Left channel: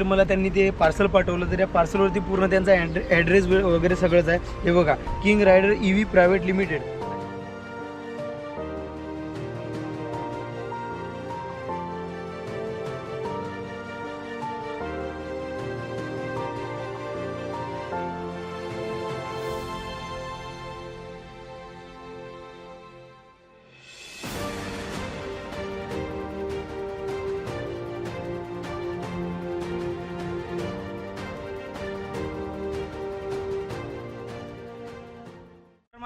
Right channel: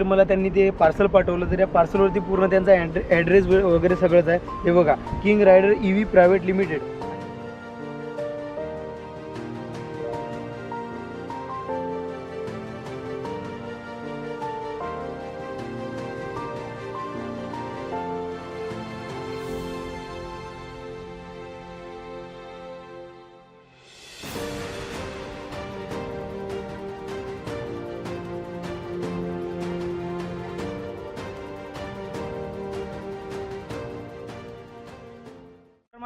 तर मला त्यांनी ते पार्सल पाठवलं तर त्या पार्सलवरती पूर्ण त्यांचा ॲड्रेस वगैरे सगळंच आहे. हे बघा King Rider E V private limited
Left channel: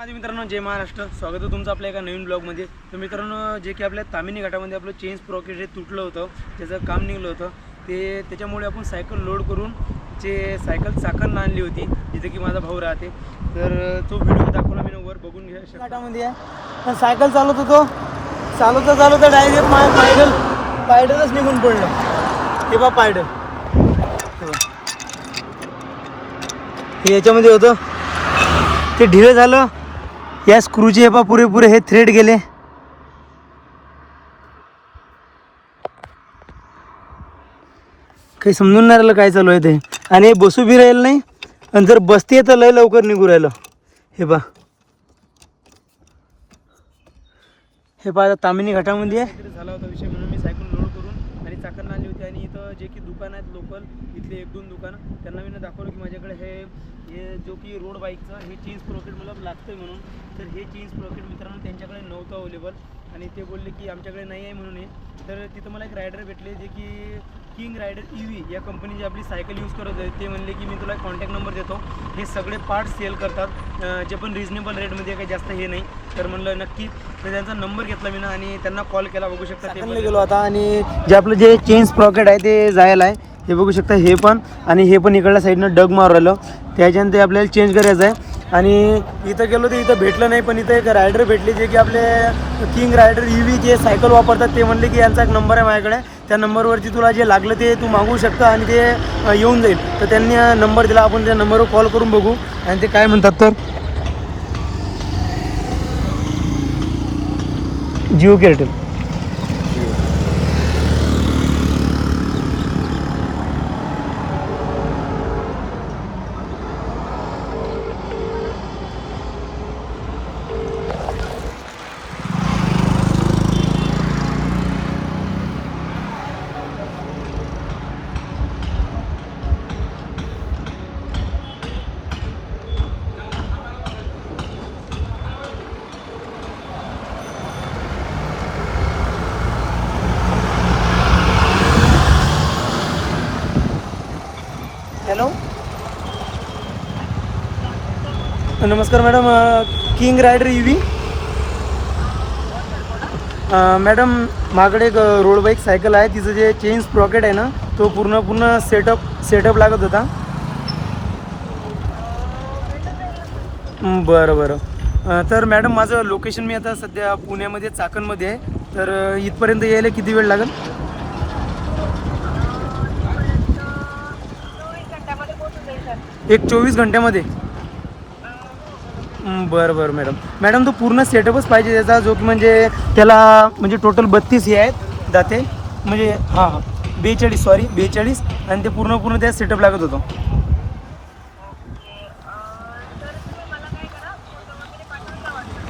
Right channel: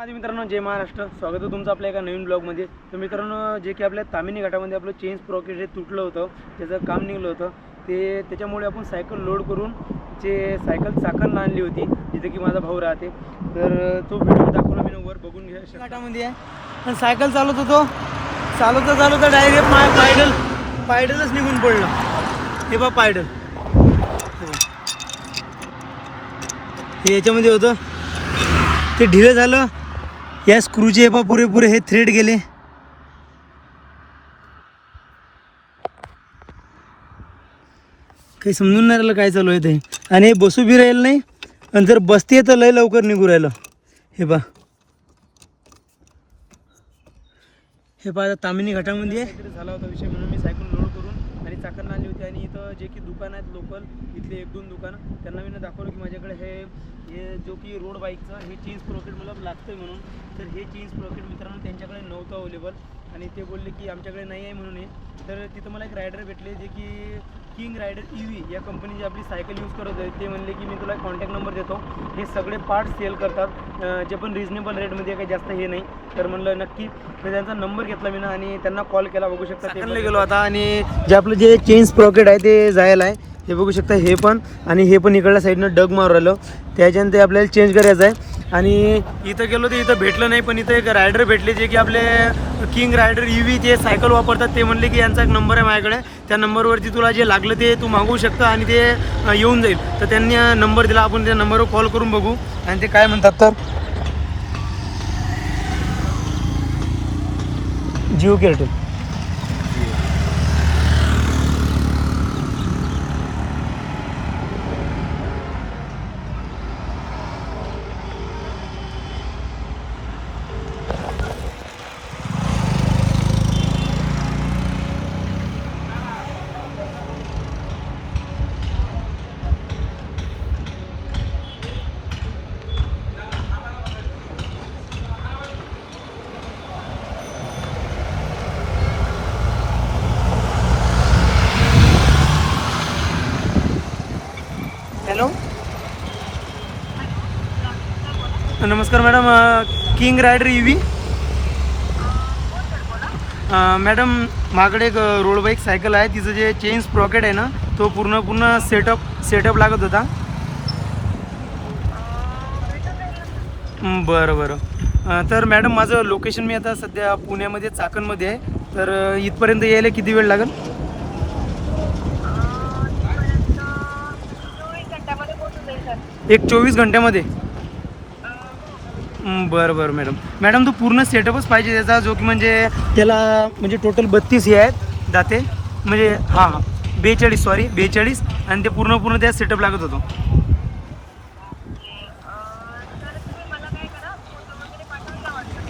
माझे मित्रांनो जय महाराष्ट्र. स्वागत आहे तुमचं आपल्या एका नवीन ब्लॉगमध्ये. तर मित्रांनो जे की आपल्या तामिनी घाटामध्ये आपलं चेंज प्रॉकेट हे तुटलं होतं त्याचं काम निघलं होतं ते त्याच्यामुळे आपण सायकल लोड करून जे सायकल चाकण आणली होती जिथे की माझा भाऊ राहते. तर तो व्हिडिओ दाखवला मी वर बघून घ्या. घाटामध्ये आहे सायकल चालवत होतो. चालवता चालवता डायरेक्ट माय पायडल पायडलच निघून पडलं. ते बा पायडल ते याच्यामध्ये होतं. ते ढिलं झालं. या स्क्रूचे हे पा पुरेपुरे हे थ्रेड गेले. काही समजून नाही राहिलं काय चालू आहे ते. आणि हे बसू बी राहिलं नाही आणि जर बसते तर लय लवकर निघू राहिलं. हे पा हे पा आता तामिनी घाटामध्ये आहे. झाला होता विषय म्हणून मी सायकल लोड करून आणि चाकण आणली होती आणि इथं जे की दुकान आहेत लोकल इथले एक दोन दुकानं त्यांना मी दाखवलं की माझ्याकडे हे हे जो की रोड बाईकचं हे चेंज प्रॉकेट मला लागतं आहे म्हणून. तर हे चेंज प्रॉकेट मित्रांनो त्यांच्याकडे नव्हतं अवेलेबल आणि ते बोलले की आमच्याकडे नाही आहे म्हणून हे. तर तिथं मला एक रायडर भेटले जे की किंग रायडर ई व्ही या कंपनीची आपली सायकल यूज करत आहे ते म्हणले की मी तुला कॉन्टॅक्ट नंबर देतो. हे सगळे पार्ट सेल करतात. जे पण रिजनेबल रेटमध्ये काही जास्त हे नाही. तर म्हणलं नक्की. तर त्यांचा नंबर घेतला मी ना आणि त्यांना कॉल केला बघू शकता ते गेलो आता आणि जे आपलं जे चेंज प्रॉकेट आहे ते जायला आहे. हे बघू शकता हे पण आणि हे पण इकडल्या साईडनं डग मारू राहिलं. त्याच्यानं ते आपल्याला चेंज करायचं आहे. आणि इथं गेलो तर इथं भेटलं नाही पण इथं एक रायडर भेटले जे की आपले किंग रायडर यू व्ही जे सायकल वापरतात ते म्हणले की यांचा एक नंबर आहे माझ्याकडे. त्या नंबरवरती तुला जे लागलं ते तू मागवू शकता आणि ते येऊन जाईल. तर त्यांनी नंबर दिला. आपण त्या नंबरवर कॉल करून बघू. आणि ते काय म्हणतात तर जिओ केअरटेल नमस्कार madam King Rider E madam माझ्याकडे एक रोड बाईक सायकल आहे. तिचं जे चेन स्प्रॉकेट आहे ना तो पूर्ण पूर्ण सेटअप सेटअप लागत होता. बरं बरं. तर मॅडम माझं लोकेशन मी आता सध्या पुण्यामध्ये चाकणमध्ये आहे. तर इथपर्यंत यायला किती वेळ लागेल? एक चोवीस घंट्यामध्ये. बरं बरं मॅडम मॅडम तो पूर्ण सेटअपच पाहिजे त्याचा जो की म्हणजे त्याला म्हणजे टोटल बत्तीस हे आहेत दाते. म्हणजे हां हां. बेचाळीस सॉरी बेचाळीस. आणि ते पूर्ण पूर्ण त्या सेटअप लागत होतो.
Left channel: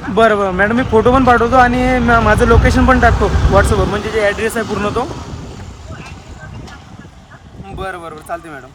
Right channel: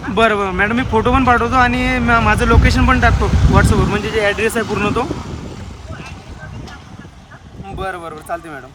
बरं बरं. मॅडम मी फोटो पण पाठवतो आणि म- माझं लोकेशन पण टाकतो व्हॉट्सअपवर म्हणजे जे ॲड्रेस आहे पूर्ण तो. बरं बरं बरं. चालते मॅडम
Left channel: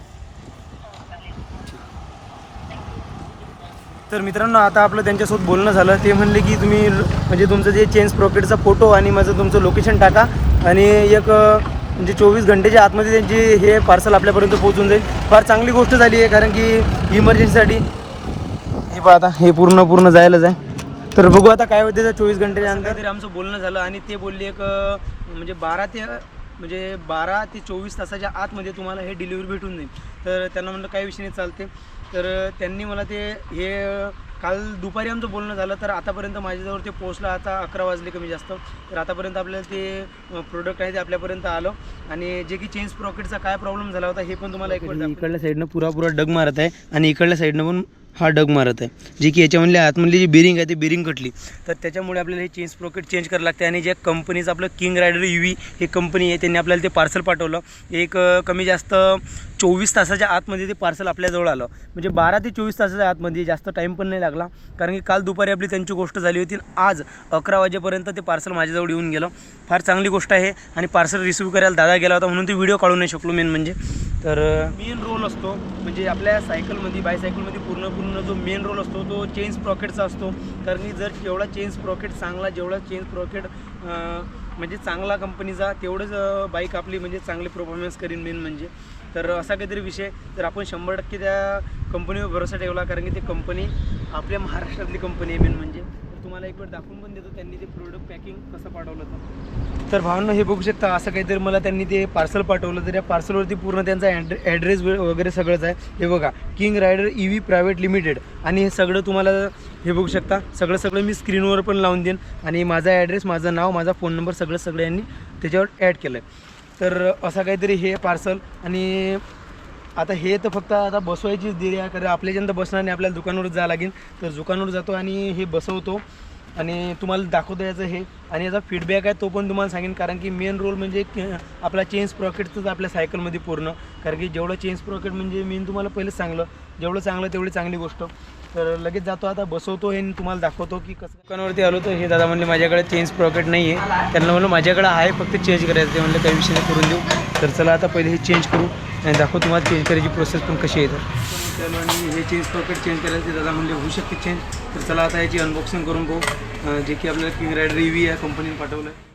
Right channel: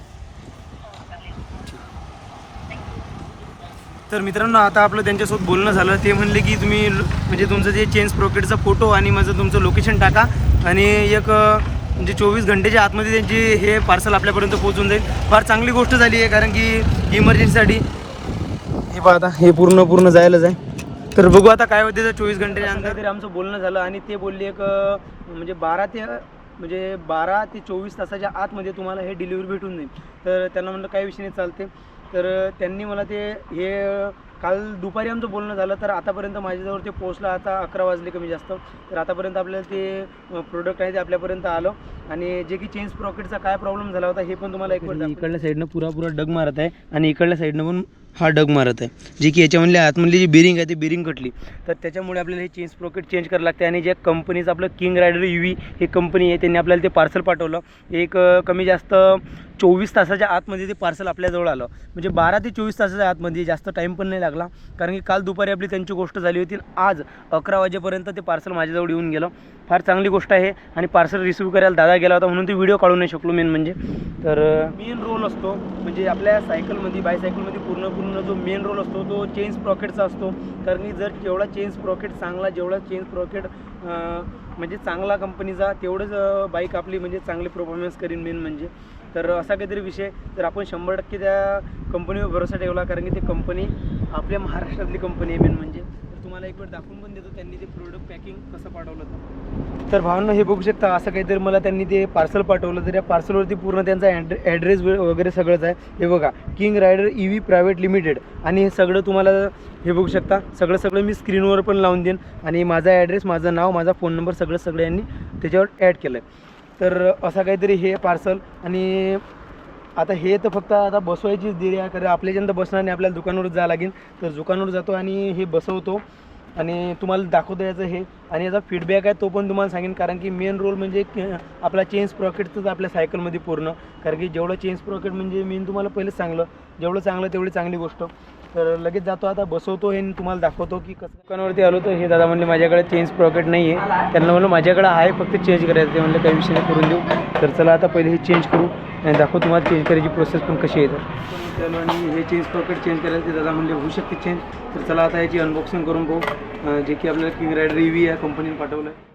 तर मित्रांनो आता आपलं त्यांच्यासोबत बोलणं झालं. ते म्हणले की तुम्ही म्हणजे तुमचं जे चेंज प्रॉकेटचा फोटो आणि माझं तुमचं लोकेशन टाका. आणि एक म्हणजे चोवीस घंटेच्या आतमध्ये त्यांची हे पार्सल आपल्यापर्यंत पोहोचून जाईल. फार चांगली गोष्ट झाली आहे कारण की इमर्जन्सीसाठी हे पहा आता हे पूर्ण पूर्ण जायलाच आहे. तर बघू आता काय होते चोवीस घंटेच्या अंतर तरी आमचं बोलणं झालं आणि ते बोलले एक म्हणजे बारा ते म्हणजे बारा ते चोवीस तासाच्या आतमध्ये तुम्हाला हे डिलिव्हरी भेटून जाईल. तर त्यांना म्हणलं काही विषय नाही चालते तर त्यांनी मला ते हे काल दुपारी आमचं बोलणं झालं तर आतापर्यंत माझ्याजवळ ते पोहोचलं आता अकरा वाजले कमी जास्त. तर आतापर्यंत आपल्याला ते प्रोडक्ट आहे ते आपल्यापर्यंत आलं. आणि जे की चेंज प्रॉकेटचा काय प्रॉब्लेम झाला होता हे पण तुम्हाला एक इकडल्या साईडनं पुरा पुरा डग मारत आहे आणि इकडल्या साईडनं पण हा डग मारत आहे. जी की याच्यामधली आतमधली जी बिरिंग आहे ती बिरिंग कटली. तर त्याच्यामुळे आपल्याला हे चेंज प्रॉकेट चेंज करावं लागते. आणि जे कंपनीचं आपलं किंग रायडर यू व्ही हे कंपनी आहे त्यांनी आपल्याला ते पार्सल पाठवलं. एक कमी जास्त चोवीस तासाच्या आतमध्ये ते पार्सल आपल्याजवळ आलं. म्हणजे बारा ते चोवीस तासाच्या आतमध्ये जास्त टाईम पण नाही लागला. कारण की काल दुपारी आपली त्यांची गोष्ट झाली होती आज अकरा वाजेपर्यंत ते पार्सल माझ्याजवळ येऊन गेलं. फार चांगली गोष्ट आहे आणि पार्सल रिसिव्ह करायला दादा गेला होता म्हणून ते व्हिडिओ काढू नाही शकलो मेन म्हणजे. तर मेन रोल असतो. म्हणजे आपल्या सायकलमध्ये बायसायकलमध्ये पूर्ण पूर्ण जो मेन रोल असतो तो चेंज प्रॉकेटचा असतो. कारण की जर जेवढा चेंज प्रॉकेट चांगला जेवढा चेंज प्रॉकेट म्हणजे चांगला कंपनीचा तेवढंच बाईक आपली म्हणजे चांगली परफॉर्मन्स करीन मेन म्हणजे. तर असा काहीतरी विषय तर आपण शंभर टक्के त्या कंपनीवर भरोसा ठेवला कारण की ती कंपनी आपल्या महाराष्ट्रातली कंपनी आहे मेन म्हणजे. तुम्हाला एक वेळ दाखवून पण देतो. त्यांनी ते प्रोडक्ट पॅकिंग कसं पाठवलं होतं. तर भावना हे बघू शकता असं काहीतरी मला त्यांनी ते पार्सल पाठवलं तर या पार्सलवरती पूर्ण त्यांचा ॲड्रे ॲड्रेस वगैरे सगळंच आहे. हे बघा King Rider E V private limited आणि हे सगळं तुम्हाला हे बघू शकता सगळं सगळं मी स्क्रीनवर पण लावून देईन. आणि माझा ॲड्रेस माझं नाव माझा फोन नंबर सगळं सगळं यांनी त्याच्यावर ॲड केलं आहे तर असं काहीतरी हे पार्सल आणि आता हे तर फक्त आता बसवायचीच देरी आहे कारण आपल्याच्यानंतर बसणार नाही आपल्याला दुकानावर जावं लागेल. तर दुकानावर जातो आणि हे बसवतो. आणि तुम्हाला दाखवतो याचं हे. आणि याचा फीडबॅक आहे तो पण तुम्हाला सांगेन कारण की मेन रोल म्हणजे आपला चेंज प्रॉकेटचंच आपल्या सायकलमध्ये पूर्ण. कारण की जेवढं चेंज प्रॉकेट म्हणजे मेन तुम्हाला पहिलेच सांगलं. जेवढं चांगलं तेवढी चांगली गोष्ट. तर लगेच जातो आता बसवतो हे आणि तुम्हाला दाखवतो की कसं दुकानावरती आलो तर हे दादा म्हणले माझ्याकडे चेंज प्रॉकेट नाही आहे त्यांना म्हणलं माझ्याकडे आहे फक्त चेंज करायचं ते म्हणलं काही विषय नाही करून देऊ. तर चला आता पहिले हे चेंज करू. आणि दाखवू तुम्हाला चेंज करायची प्रोसेस पण कशी आहे तर. आणि हे चेंज प्रॉकेट चेंज करायचं ते दादा म्हणले होऊ शकते चेंज तर चला आता याची अनबॉक्सिंग करून पाहू. जे की आपल्याला किंग रायडर रिव्ही या कंपनीने पाठवलं आहे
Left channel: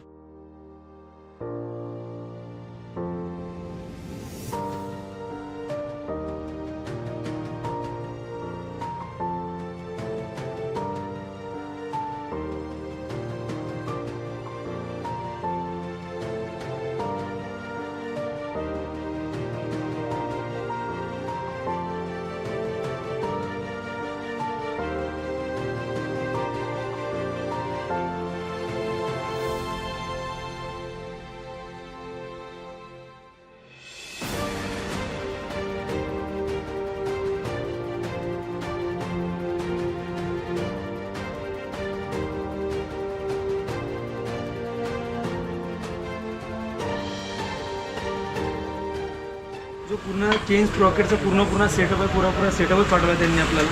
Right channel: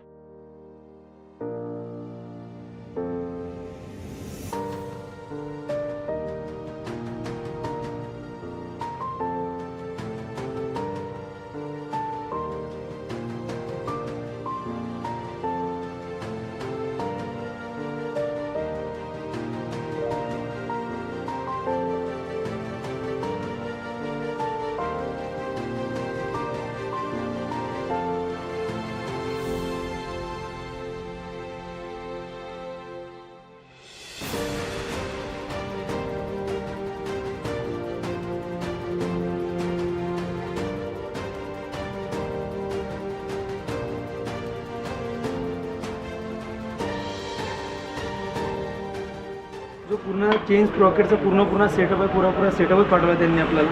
पूर्ण चेंज प्रॉकेटचा पूर्ण पूर्ण सेटअप आहे पुरा पुरा सेटअपच पाठवला त्यांनी आपल्याला.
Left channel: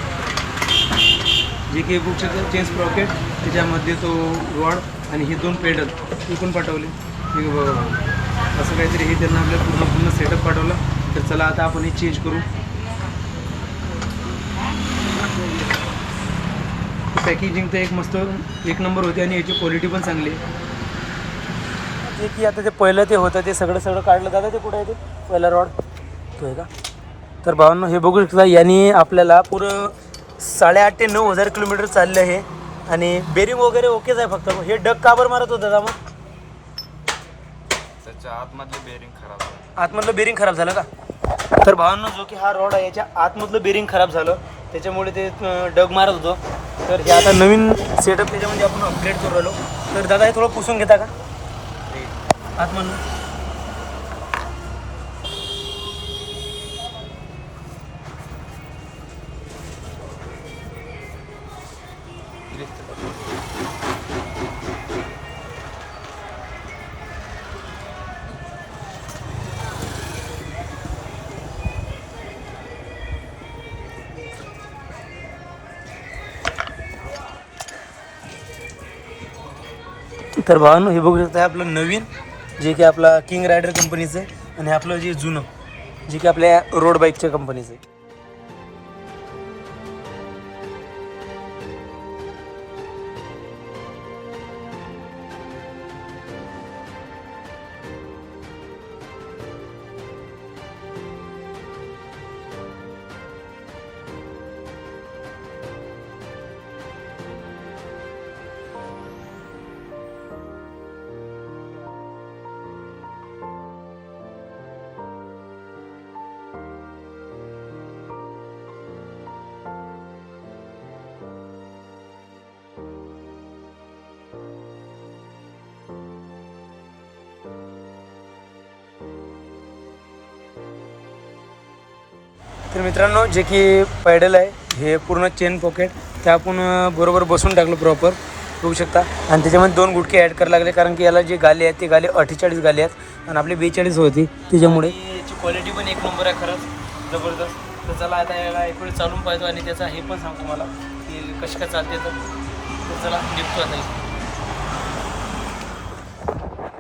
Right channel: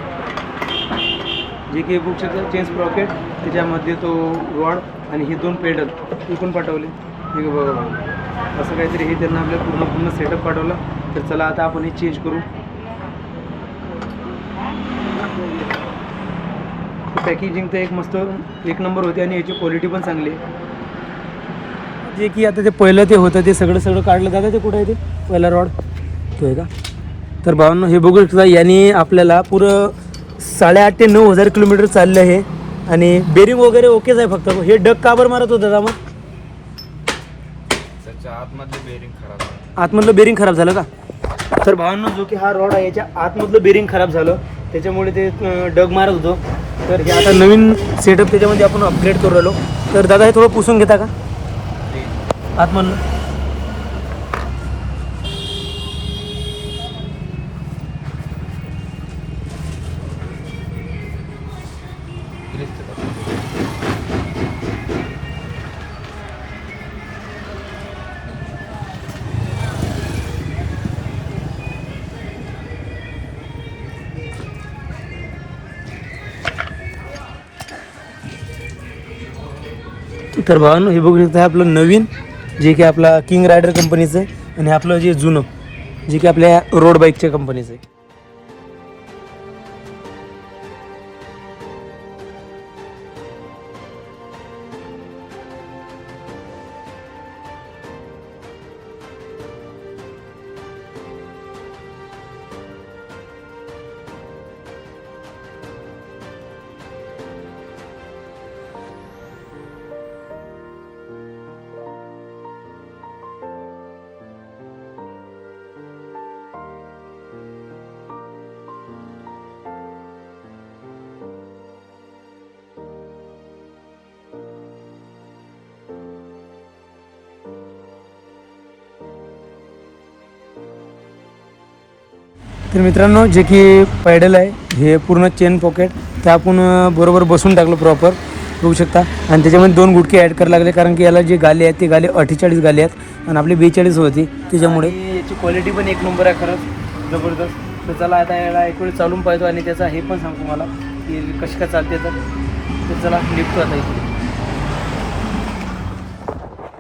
जे की बुक शकता चेंज प्रॉकेट त्याच्यामध्ये तो रॉड आणि हे दोन पेडल विकून पाठवले. हे आहे बघा. असं काहीतरी हे त्यांना आपल्याला पूर्ण पूर्ण सेटअप पाठवला. तर चला आता आपण हे चेंज करू. पॅकेजिंग तर एक मस्त एक नंबर होती आणि याची क्वालिटी पण चांगली आहे. जे की आता ते पहिलं ते होतं ते सगळं सगळं काढलं जातं ते कुठं आहे ते? पहिला रॉड तो आहे का? तर भावांनो हे बघू शकता यांनी आपल्याला पुरं साडेआठ ते नऊ हजार किलोमीटर चाललं आहे. आणि बेरिंग वगैरे ओकेच आहे फक्त. हे डग का बरं मारत होता मग त्याच्या आतमधले बेरिंग खराब झालं. आतमधलं बेरिंग खराब झालं का? तर भावांनो जो की हा रॉड आहे याच्या आतमधलं बेरिंग खराब झालं. त्याच्यामुळे ते डग मारत होतो. तर हे आता नवीन सेटअप त्याच्यामध्ये आपण अपग्रेड करू राहिलो. तर दादा हे थोडं पुसून घेता का? आतमधलं. तर भावांनो हे बघू शकता हे आपलं नवीन जे की आपला किंग रायडर कंपनीचं आहे आणि आपलं जे जुनं जे की आपल्या रोड बाईकच्या कंपनीचं आहे. तर मित्रांनो जे की पॅडल आहे हे पूर्ण चेन पॉकेट ते आपण बरोबर बसून टाकलं प्रॉपर बघू शकता. आणि त्याच्यामध्ये दोन गुटके ॲड करायला लागले कारण की याला जे गाले आहेत ते गाले अठ्ठेचाळीस गाले आहेत. आणि आपली बेचाळीस होती त्याच्यामुळे. याची क्वालिटी पण एक नंबर आहे खरंच. जबरदस्त. तर चला आता याला एक वेळ चालून पाहतो आणि त्याचा हे पण सांगतो मला की कशी काय चालते तर. तर चला निघतो आता इथे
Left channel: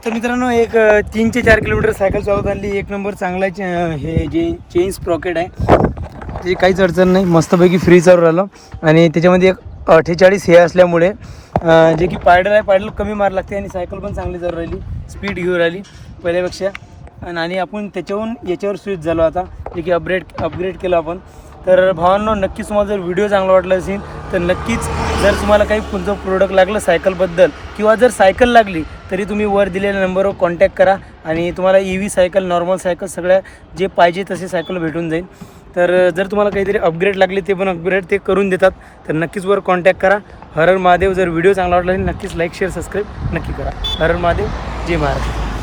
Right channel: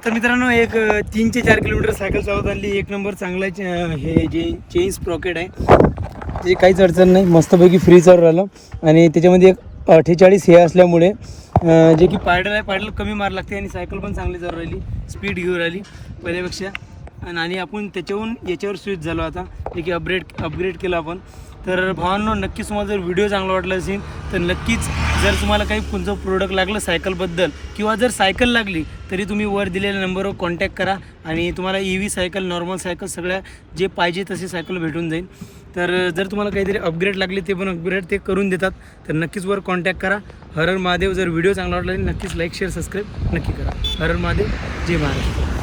तर मित्रांनो एक तीन ते चार किलोमीटर सायकल चालवत आणली. एक नंबर चांगला चे- हे जे चेंज प्रॉकेट आहे त्याची काहीच अडचण नाही. मस्तपैकी फ्री चालू राहिलं. आणि त्याच्यामध्ये एक अठ्ठेचाळीस हे असल्यामुळे जे की पायडल आहे पायडल कमी मार लागते आणि सायकल पण चांगली चालू राहिली. स्पीड घेऊन राहिली पहिल्यापेक्षा. आणि- आणि आपण त्याच्याहून याच्यावर स्विच झालो आता जे की अपग्रेड अपग्रेड केलं आपण. तर भावांनो नक्कीच तुम्हाला जर व्हिडिओ चांगला वाटला असेल तर नक्कीच जर तुम्हाला काही कोणतं प्रोडक्ट लागलं सायकलबद्दल किंवा जर सायकल लागली तरी तुम्ही वर दिलेल्या नंबरवर कॉन्टॅक्ट करा आणि तुम्हाला E V cycle normal cycle सगळ्या जे पाहिजे तसे सायकल भेटून जाईल. तर जर तुम्हाला काहीतरी अपग्रेड लागले ते पण अपग्रेड ते करून देतात. तर नक्कीच वर कॉन्टॅक्ट करा. हरर महादेव जर व्हिडिओ चांगला वाटला असेल नक्कीच लाईक शेअर सबस्क्राईब नक्की करा. हरर महादेव जय महाराष्ट्र